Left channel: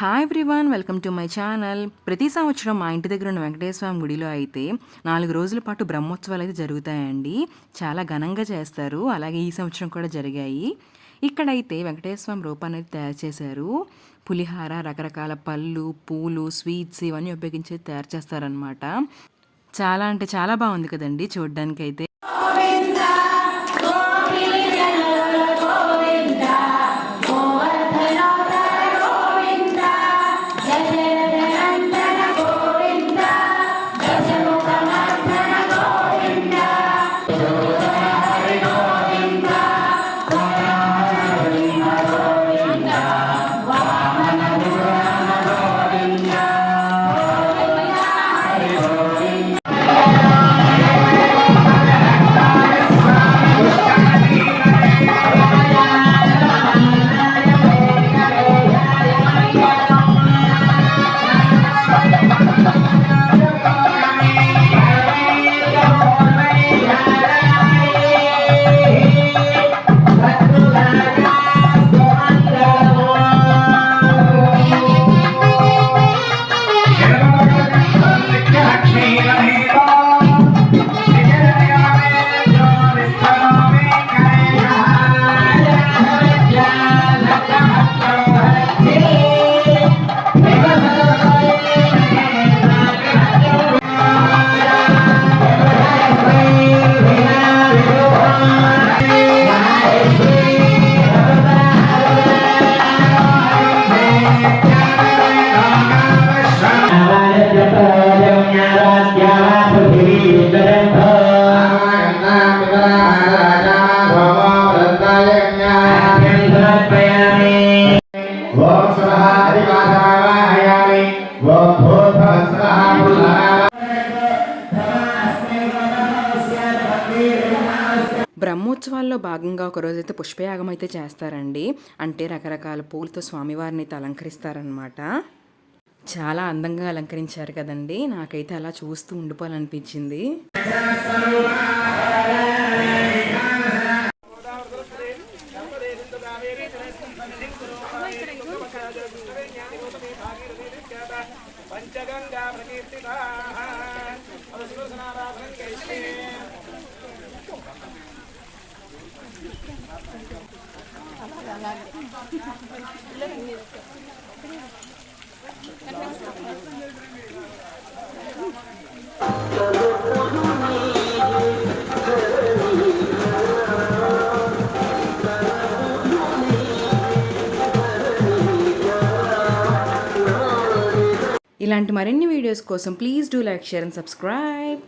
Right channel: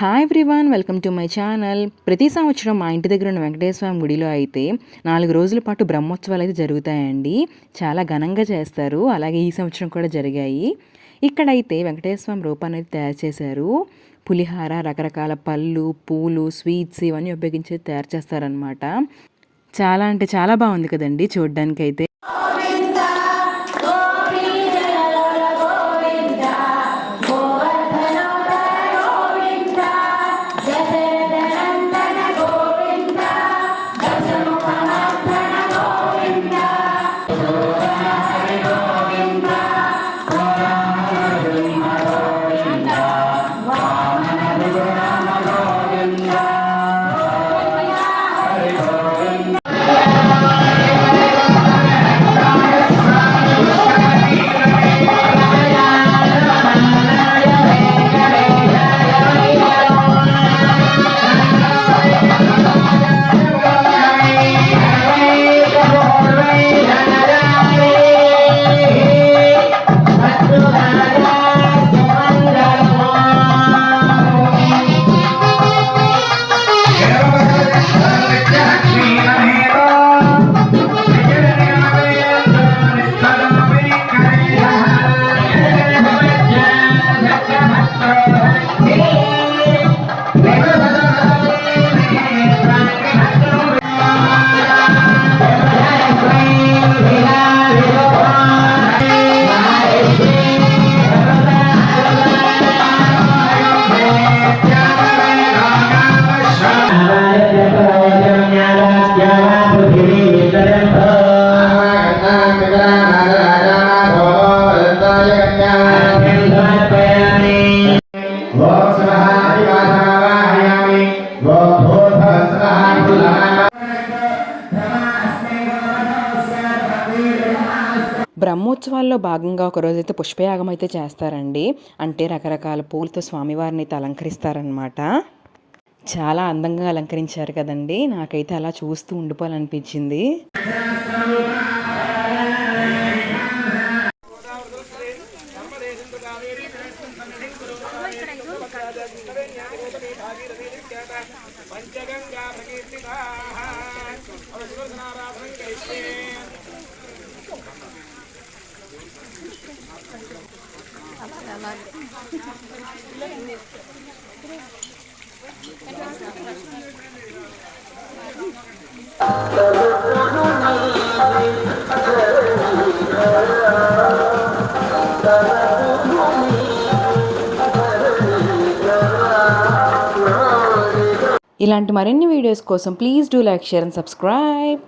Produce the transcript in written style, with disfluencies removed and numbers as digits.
Hi everyone, welcome to my channel. ప్రతి సంవత్సరం మా ఇంటి దగ్గర ఉన్న వెంకటేశ్వర స్వామి గుడిలో అయితే 4 రోజుల పాటు బ్రహ్మోత్సవాలు అయితే జరుగుతాయండి. చాలా ఘనంగా చేస్తారు. అలాగే ఈ సంవత్సరం కూడా జరిగాయి. ఇక్కడైతే వెంకటేశ్వర స్వామి రూపాన్ని అయితే తయారు చేశారు. పులిహార, రకరకాల పళ్ళు, పూలు, స్వీట్స్ ఇవన్నీ ఉపయోగించి తయారు చేస్తారనమాట. చాలా అంటే చాలా బాగుంది కదండి చూడ్డానికైతే. బ్రహ్మోత్సవాల్లో భాగంగా ఒకరోజైతే పుష్పయాగం అయితే చేస్తారండి. అంటే రకరకాల పూలతో స్వామివారిని అయితే అలంకరిస్తారనమాట. చాలా అందంగా అలంకరించారు కదండి. నాకైతే అలా చూస్తూ ఉండిపోవాలనిపించింది. ఇలాంటి మరిన్ని వీడియోస్ కోసం please do like, share and subscribe.